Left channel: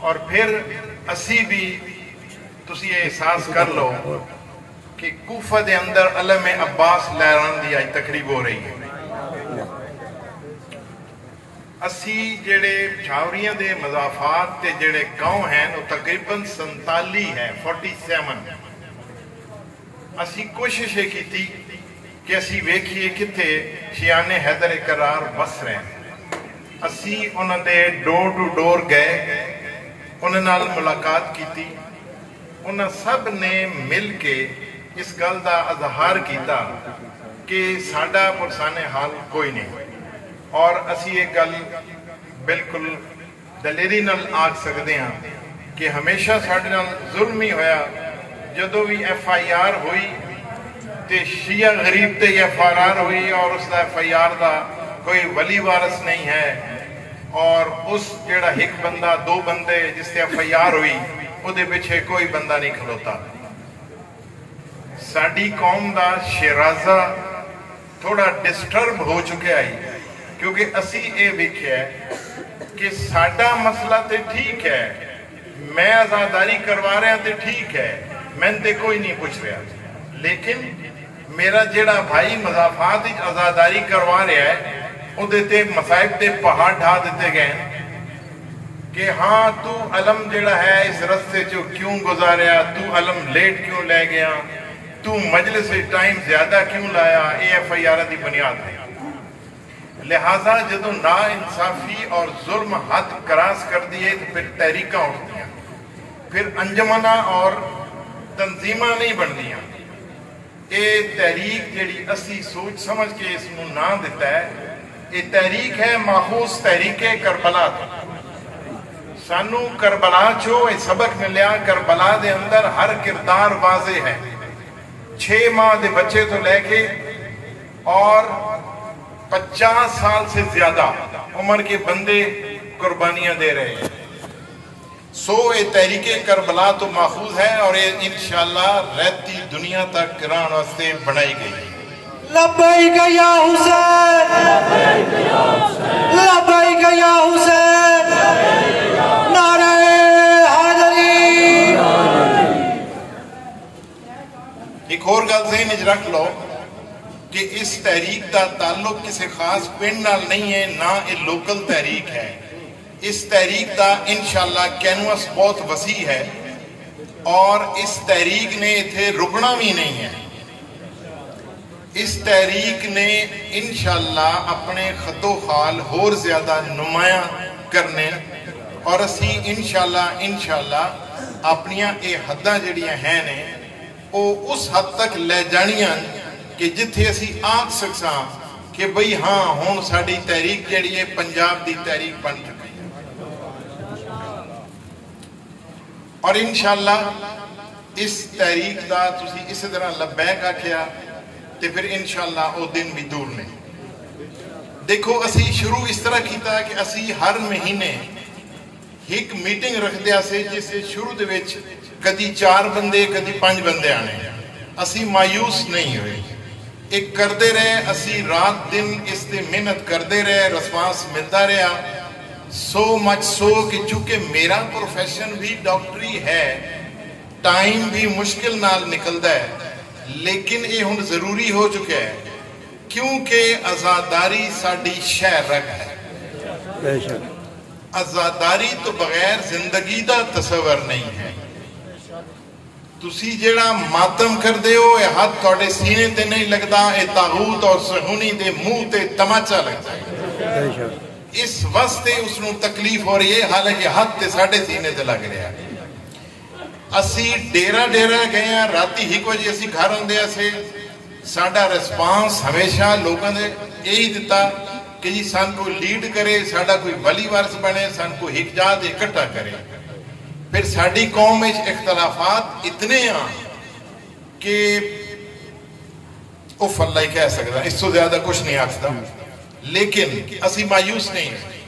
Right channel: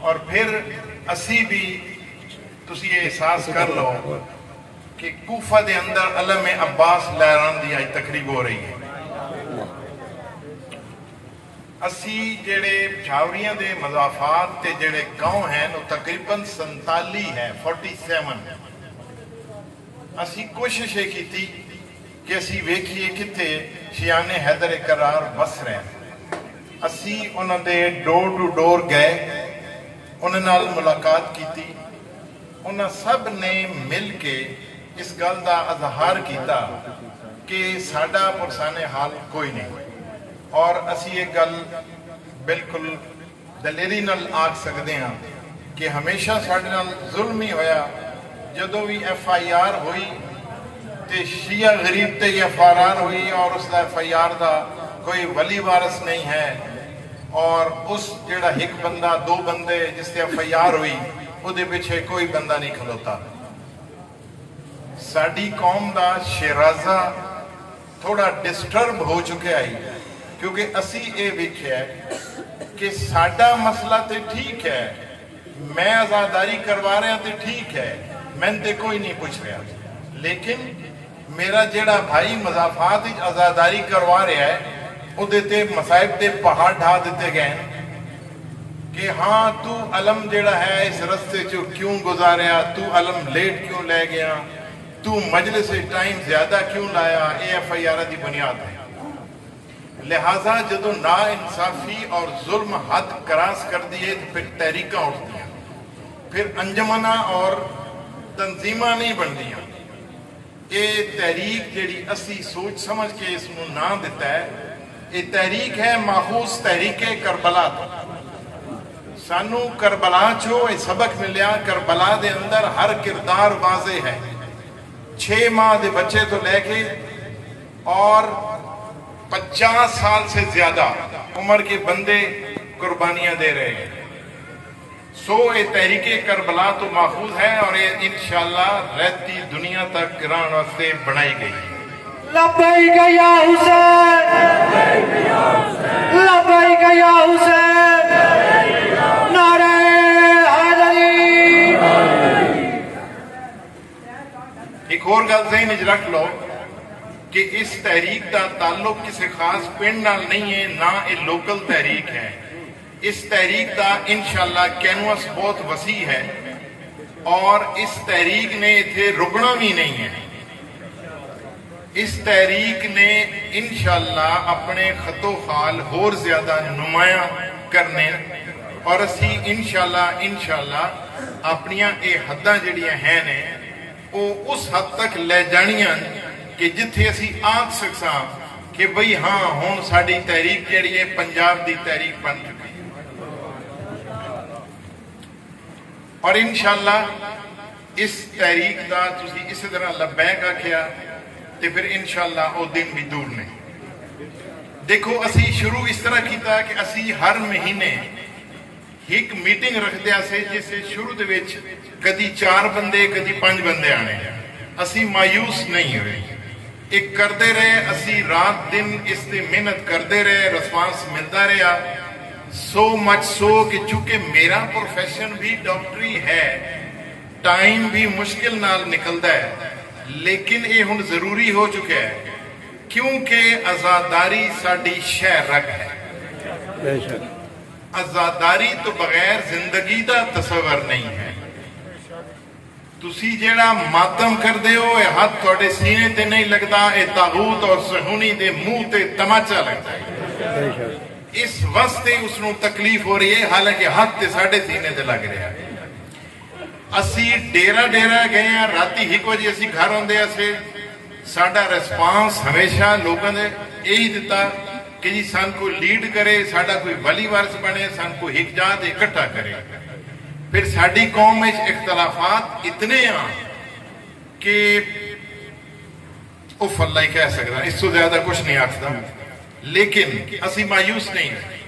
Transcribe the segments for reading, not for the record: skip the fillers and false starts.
اور پھر اسی بھی تسی یہ احساس کر لو کہ کوفہ دے اندر علم عباس لہران دی آج تقریب ہو رہی ہے. اسی جڑے چھاوریاں دے مضافات تے جڑے گاؤں ہیں وہ تقریباً 47 ہے 47. اسی کوشش یہ کی کہ اسی ویکھیے کتے شیان حیدر قرار بس رہے ہیں. اسی انہوں نے ڈور ٹو ڈور گئے, انہوں نے ملاقات کی, انہوں سب نے مل کے اس گل کا اظہار کیتا کہ ساڈا پرسان حال کوئی نہیں, اور اسی یہ گل بالکل دلیری نال آکھ سکتے ہیں کہ ہمیشہ ساڈے نال ظلم ہی ہویا. جدو بھی FIR ہوئی تے شیعہ غریب تے FRR ہوئی اور اس دا FIR دا کوئی ولی وارث نہیں ہے, اور اس جڑا ایک بندہ دو بندے جس سے FIR ہوئی وہ دے پیچھے کوئی بندہ نہیں کھلوتا. ساڈی قوم دا شیرازہ تھوڑا ڈسٹرب ہو چکے آئی, کیونکہ اسی اے ویکھیا ہے کہ ساڈا مسئلہ تے ٹھیک ہے, میں آزاداری کروا رہا تے ٹھیک ہے, میں تے کوئی نہیں پوچھ رہا, لیکن میرا جڑا بھائی مضافات آزاداری کروا رہا ہے وہ دیتے مسائب تے پہاڑ ڈھا دیتے گئے کہ ہاں تو علم جڑا ہے اس رستے جو کیوں گزاریا, تو علم لیٹ کیوں لے گیا, تو مجلس ٹائم زیادہ کیوں لایا, یہ FIR دی بنیاد ہے. لہٰذا جدو نا انصافی اور ظلم حد کراس کر دیے تو پھر تحریکاں اٹھتی ہیں, پھر انجمنہ اور تنظیمہ نہیں بن دیا. یہ تحریک جڑی اسی سوچ سمجھ کے اس کو نام دیتا ہے, یہ تحریک ہے ماخوذ تحریک کربلا. سانو کربلا چو یہ سبق ملیا, کربلا دے اندر ہر کردار واضح ہے. 6 ماہ دے بچے تو لے کے اور 50 سال سے زیادہ عمر کے بندے قربانیاں دے رہے ہیں. یہ تحریک کربلا تو محفوظ ہے, اور یہ انشاءاللہ رہتی دنیا تک کران واسطے بنائی گئی. لبیک یا حسین, لبیک یا حسین, نعرہ حیدری. ایک اور گل ذہن وچ رکھ لو کہ اس تحریک کا تعلق کسی خاص پنڈ نال نہیں ہے, نہ یہ لوکل تحریک ہے. اس تحریک کا انشاءاللہ کینوس بہت وسیع ہے, اور اس تحریک نے اتنے رکنا بھی نہیں ہے. اس تحریک نے انشاءاللہ اپنے خط و خال اور زیادہ نمایاں کرنے, اور اسی انشاءاللہ اپنیاں اے حداں جڑیاں ہیں نے وہ اس حد تک لے جانیاں کہ جتھے اسی آنکھ سکساں کہ بھئی ہاں ہون ساڑی تحریک جڑی ہے پنجاب دی تحریک بن چکی. اور انشاءاللہ اس تحریک دا تسی اسی طرح لبیک آکھیا تے پھر انشاءاللہ او دن بھی دور نہیں. دیکھو اسی شروع اس طرح کیتا ہے کہ اسی ہر مہینے ایک میٹنگ رکھ دیا سے جس سے شروع دے وچ کدی 4 بندے کدی 5 بندے آنے. اسی مایوس نہیں ہوئے, ایک کردے رہے, اسی رات دن اس تے محنت کردے رہے, رسپانس ملتا رہا. سو مچ سو کہ چونکہ میرا پروفیشن بھی ڈاکٹری ہے, ٹائم بھی مشکل نال نکلتا ہے, لیکن یہ ہن ضروری ہو چکا ہے کیونکہ آزاداری ساڑی شہر رگ ہے. آزاداری تو بغیر زندگی دا تصور نہیں ہے. تسی جیڑا ماتم کر دے ہو یہ ہاتھ تھوڑے سینے تے نہیں لگتا, یہ طاغوت اور صہیونی دے منہ تے تماچا لگتا ہے. اس واسطے اس نو تکلیف ہو رہی ہے, حالانکہ ہاتھ تے ساڑھے سینے تے لگ رہا ہے. اسی ڈیرہ گئے ہیں, راتی 1 بجے اسی گھر ہوندے سے. ساڑھا ریسپانس ہمیشہ لوگوں نے یہی دیتا کہ جی سان کو لیڈ کرے, ساڑھا کوئی ولی وارث بنے, سان کو حجاد اکٹھا کرے. پھر ساڑھی قوم میں اختلافات اتنے ہیں کہ اف اللہ ہی کہہ سکتا, اس سے زیادہ کچھ نہیں آکھتا. لیکن اسی مایوس نہیں ہیں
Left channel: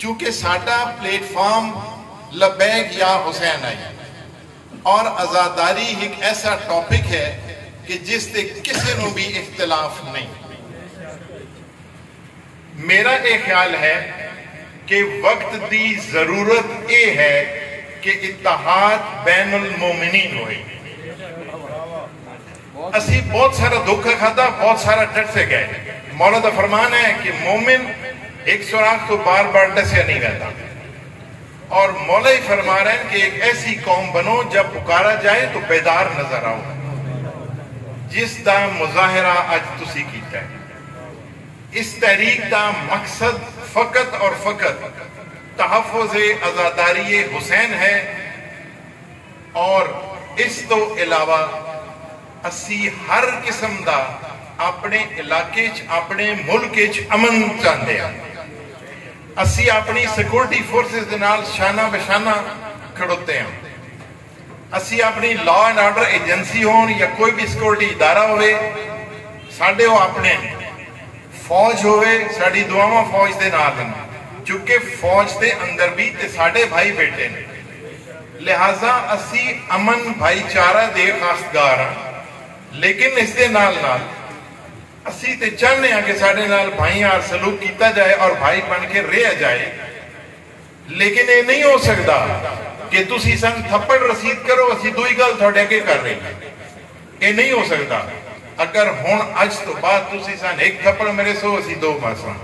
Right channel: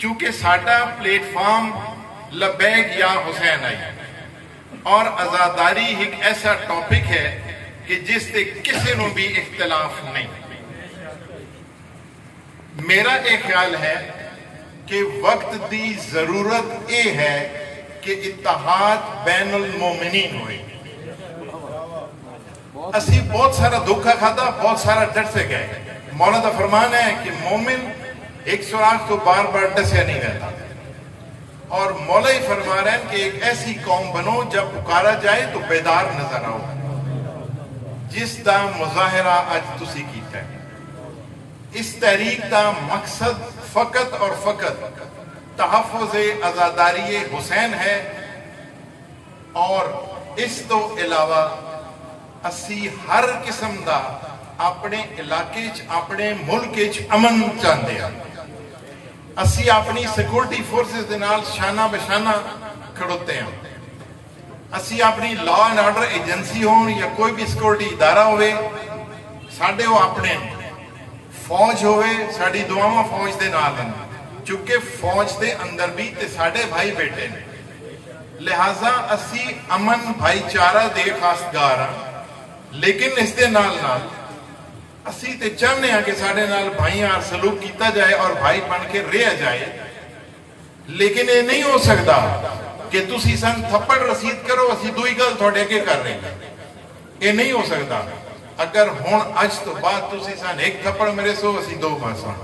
چونکہ ساڑھا پلیٹ فارم لبیک یا حسین آئی, اور آزاداری ایک ایسا ٹاپک ہے کہ جس سے کسی نو بھی اختلاف نہیں. میرا ایک خیال ہے کہ وقت دی ضرورت یہ ہے کہ اتحاد بین المومنین ہوئے. اسی بہت سارا دھوکا کھاتا، بہت سارا ڈر سے گئے. مولا کا فرمان ہے کہ مومن ایک سوراخ تو بار بار ڈسیا نہیں رہتا. اور مولا ہی فرما رہے ہیں کہ ایک ایسی قوم بنو جب پکارا جائے تو بیدار نظر آؤ، جس دا مظاہرہ اج تسی کیتا ہے. اس تحریک دا مقصد فقط اور فقط تحفظ آزاداری حسین ہے، اور اس تو علاوہ اسی ہر قسم دا اپنے علاقے اپنے ملک امن چاہتے ہیں. اسی اپنی سیکورٹی فورسز دے نال شانہ بشانہ کھڑوتے ہیں. اسی اپنی لا اینڈ آرڈر ایجنسی ہون یا کوئی بھی سیکورٹی ادارہ ہوئے، ساڈے وہ اپنے فوج ہوئے، ساڈی دعاواں فوج دے نال ہیں، چونکہ فوج دے اندر بھی تے ساڈے بھائی بیٹے نے. لہذا اسی امن بھائی چارہ دے خاصگار ہیں. لیکن اس دے نال نال اسی تے چاہنے ہیں کہ ساڈے نال بھائیاں سلوک کیتا جائے اور بھائی بن کے رہ جائے. لیکن یہ نہیں ہو سکتا کہ تسی سن تھپڑ رسید کرو اسی دوئی گل تھوڑے کے کر رہے ہیں. یہ نہیں ہو سکتا. اگر ہون اج تو بعد تسی سن ایک تھپڑ میرے سو اسی دو مرساں،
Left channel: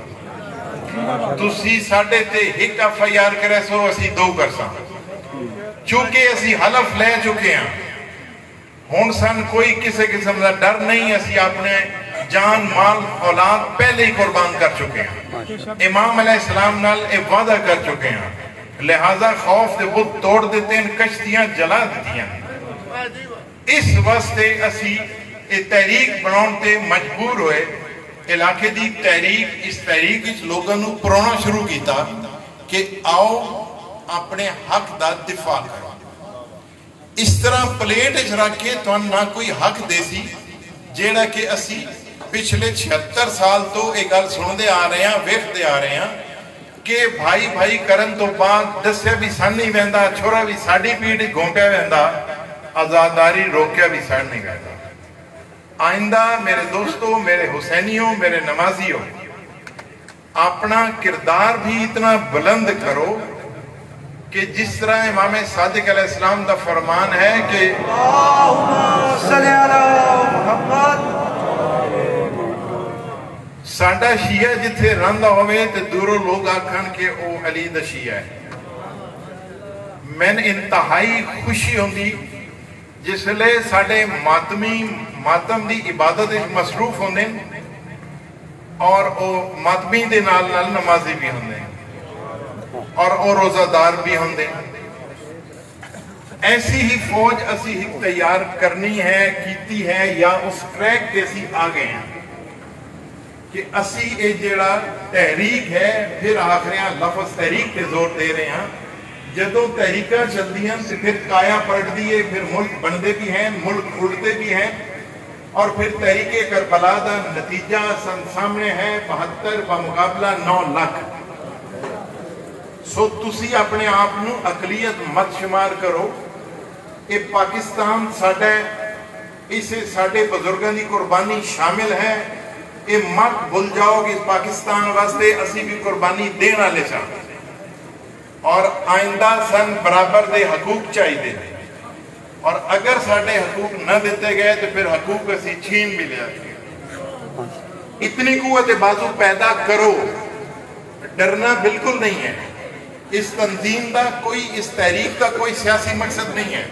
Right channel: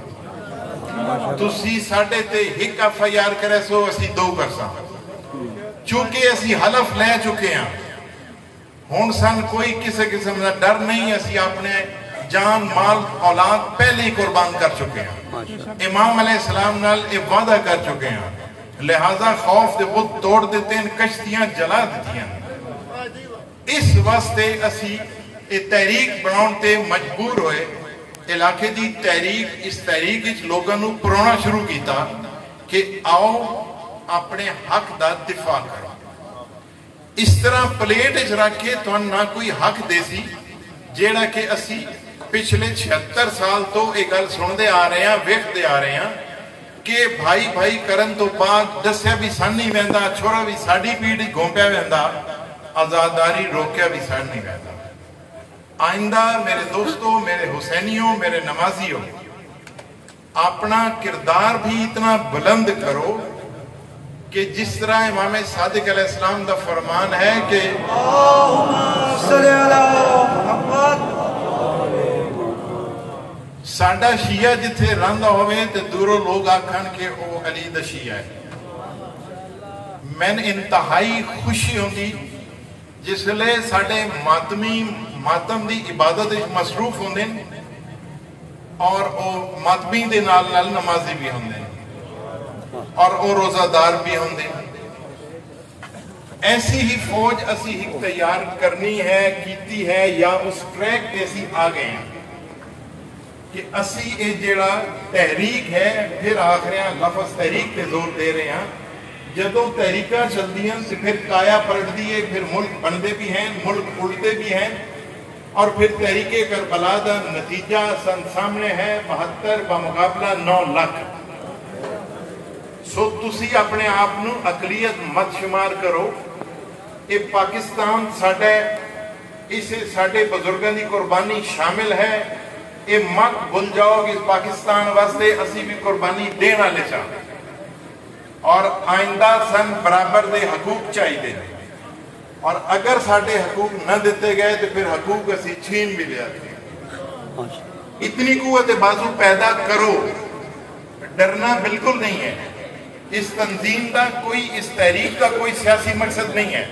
تسی ساڈے تے ایک FIR کرے سو اسی دو کرساں، چونکہ اسی حلف لے چکے ہیں. ہون سن کوئی کسی قسم کا ڈر نہیں. اسی اپنے جان مال اولاد پہلے ہی قربان کر چکے ہیں. امام علیہ السلام نال ایک وعدہ کر چکے ہیں. لہذا خوف دے بت توڑ دیتے ہیں، کشتیاں جلا دیتی ہیں. اس واسطے اسی یہ تحریک بناؤن تے مجبور ہوئے. علاقے دی تحریک، اس تحریک اس لوگوں نے پرونا شروع کیتا کہ آؤ اپنے حق دا دفاع کرو. اس طرح پلیٹ رکھ کے تو نہ کوئی حق دے سی، جیڑا کہ اسی پچھلے 76 سال تو ایک گل سنتے آ رہے ہیں، ویکھتے آ رہے ہیں کہ بھائی بھائی کرن تو بعد دسیا بھی سن نہیں ویندا، چھوڑا بھی ساڈی پیڑھی گھومپیا ویندا، آزاداری روکیا بھی سن نہیں ویندا. آئندہ میرے دوستو، میرے حسینیوں، میرے نمازیوں، اپنا کردار بھی اتنا بلند کرو کہ جس طرح امام صادق علیہ السلام دا فرمان ہے کہ ساڈا شیعہ جتھے رہندا ہوئے تے دوروں لوگ آکھن کہ او علی دا شیعہ ہے. میں انتہائی خوشی ہوندی جس لے ساڈے ماتمی ماتم دی عبادت مصروف ہوندے اور او ماتمی دے نال نال نمازی بھی ہوندے اور او روزہ دار بھی ہوندے. ایسی ہی فوج اسی ہی تیار کرنی ہے، کیتی ہے، یا اس ٹریک پہ اسی آ گئے ہیں کہ اسی اے جیڑا تحریک ہے، پھر آخر ہیں لفظ تحریک پہ زور دے رہے ہیں. جدوں تحریکاں چلتی ہیں تو پھر کایا پلٹ دیے، پھر ملک بندے بھی ہیں، ملک اڑتے بھی ہیں. اور پھر تحریک کربلا دا نتیجہ سامنے ہے 72 بمقابلہ 9 لاکھ. سو تسی اپنے آپ نو اقلیت مت شمار کرو. یہ پاکستان ساڈے، اسے ساڈے بزرگوں کی قربانی شامل ہے. یہ مت بھول جاؤ کہ اس پاکستان واسطے اسی بھی قربانی دین والے سن، اور آئندہ سن برابر دے حقوق چاہیے. اور اگر ساڈے حقوق نہ دیتے گئے تو پھر حقوق اسی چھین بھی لیا. اتنی قوت بازو پیدا کرو. ڈرنا بالکل نہیں ہے. اس تنظیم کا کوئی، اس تحریک کا کوئی سیاسی مقصد نہیں ہے.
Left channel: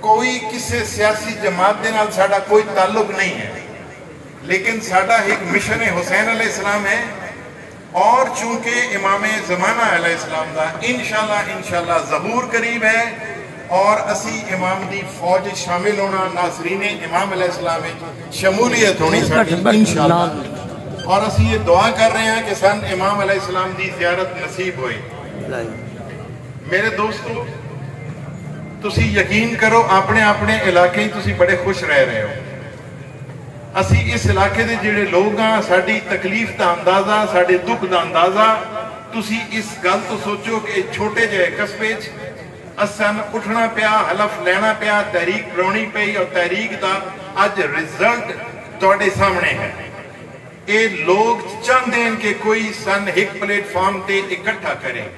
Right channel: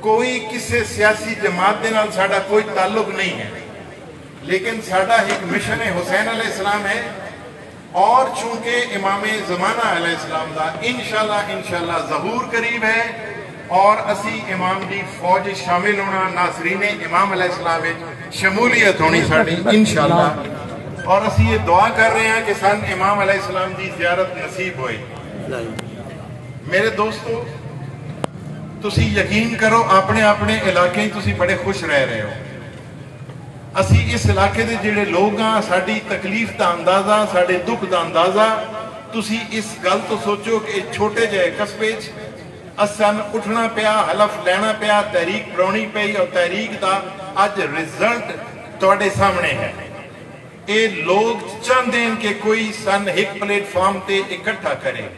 کوئی کسی سیاسی جماعت دے نال ساڈا کوئی تعلق نہیں ہے. لیکن ساڈا ایک مشن حسین علیہ السلام ہے، اور چونکہ امام زمانہ علیہ السلام دا انشاءاللہ ظہور قریب ہے، اور اسی امام دی فوج شامل ہونا، ناظرین امام علیہ السلام شمولیت ہونی ساڈی انشاءاللہ. اور اسی یہ دعا کر رہے ہیں کہ سن امام علیہ السلام دی زیارت نصیب ہوئے. میرے دوستو، تسی یقین کرو اپنے اپنے علاقے تسی بڑے خوش رہ رہے ہو. اسی اس علاقے دے جڑے لوگ ہیں، ساڈی تکلیف دا اندازہ، ساڈے دکھ دا اندازہ، تسی اس گل تو سوچو کہ چھوٹے جہے قصبے اسن اٹھنا پیا، حلف لینا پیا، تحریک بنانی پئی، اور تحریک دا اج رزلٹ تواڈے سامنے ہے. یہ لوگ چاہتے ہیں کہ کوئی سن ایک پلیٹ فارم تے اکٹھا کریں،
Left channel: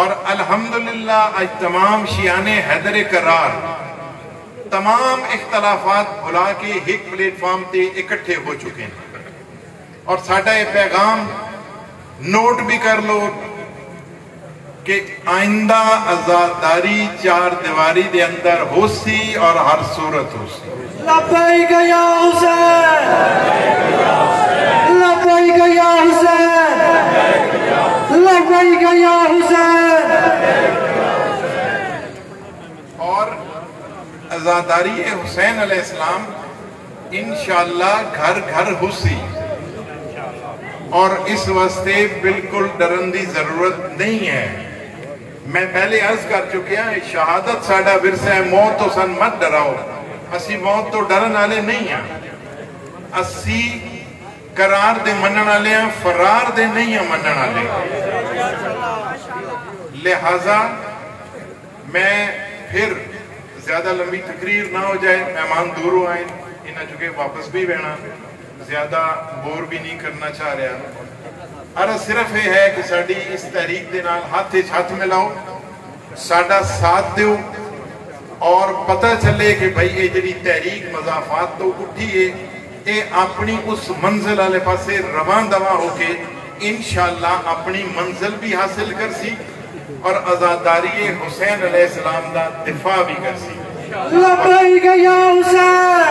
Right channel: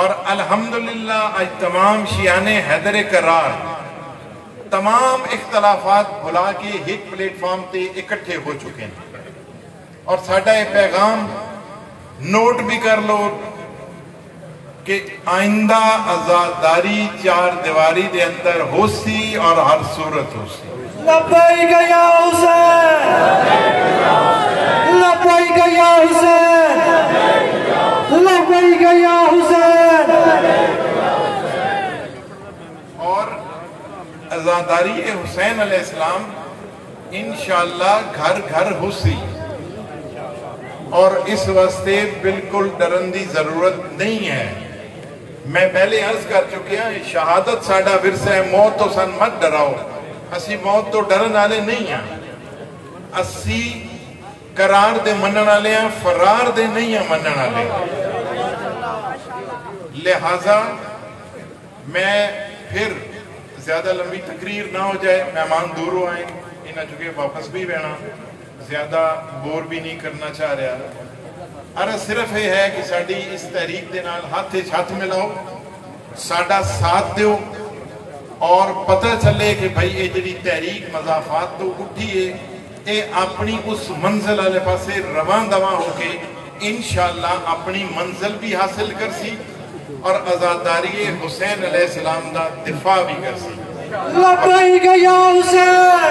اور الحمدللہ آج تمام شیعان حیدر قرار تمام اختلافات بھلا کے ایک پلیٹ فارم تے اکٹھے ہو چکے ہیں، اور ساڈا یہ پیغام نوٹ بھی کر لو کہ آئندہ عزاداری چار دیواری دے اندر ہو سی اور ہر صورت ہو سی۔ لبیک یا حسین، لبیک یا حسین، لبیک یا حسین۔ اور عزاداری حسین علیہ السلام انشاءاللہ گھر گھر ہو سی، اور اس واسطے بالکل ڈرن دی ضرورت نہیں ہے۔ میں پہلے عرض کر چکیا ہے، شہادت ساڈا ورثہ ہے، موت تو سن مت ڈراؤ، اسی موت تو ڈرن والے نہیں ہیں، اسی قرار دے منن والے ہیں، فرار دے نہیں ہیں منن والے۔ لہذا میں پھر زیادہ لمبی تقریر نہ ہو جائے، مہمان دور ہو آئیں، انہاں چکے واپس بھی بہنا، زیادہ بور بھی نہیں کرنا چاہ رہا۔ عرض صرف یہ ہے کہ ساڑی اس تحریک دے نال ہاتھ ملاؤ، ساڑا ساتھ دیو، اور پتہ چلے کہ بھئی یہ جڑی تحریک مضافات تو اٹھی ہے، یہ اپنی اس منزل والے پاسے رواں دواں ہو کے انشاءاللہ اپنی منزل بھی حاصل کر سی، اور عزاداری حسین علیہ السلام دا دفاع بھی کر سی۔ لبیک یا حسین۔